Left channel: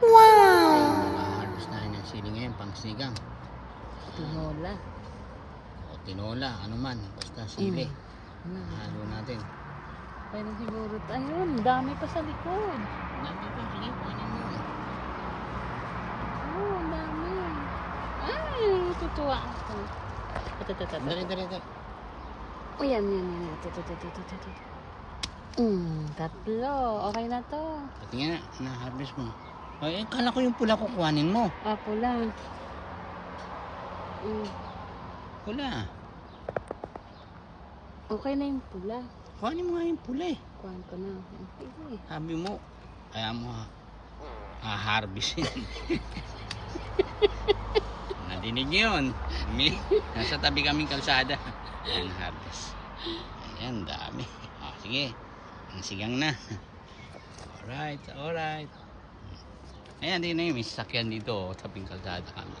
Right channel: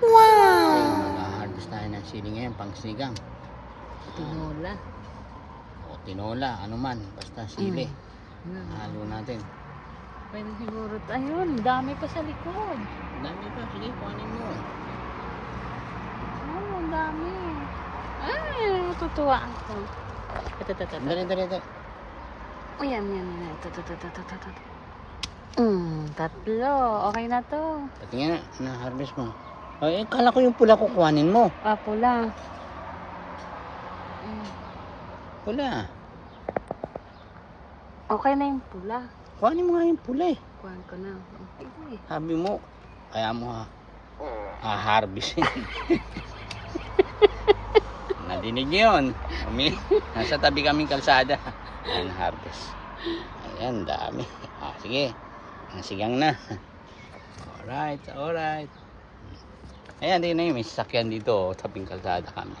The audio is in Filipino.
Wow! Mag-harvest tayo ng sili ngayon, pang sinigang. Tinola. O tinola, ano man, basta sili. Halo natin. Pwede siguro. Ayun, dami pa sa likod. Ang dami pa, sige, kuhanin mo. Oh, ang dami. Ay, tutuwa ako. Ito. Dali. O yan. Ito. Tatlo. Okay na to. Patingin na, na-harvest mo. Ay, kala ko yung pula ko kuhanin mo. Papo lang. Pula. Okay na yung pula. Kuhanin mo nga yung pula eh. Kuhan ko na. Okay. Sabi mo, kaya mo harvestin. Nadinig yun. Nasa tabi kaming kalsada. Ayan, harvest. Ayan, dami. Sige. Sigang na. Alright. Ayan, tingnan nyo, may sasakyan dito. Tabing kalsada kami.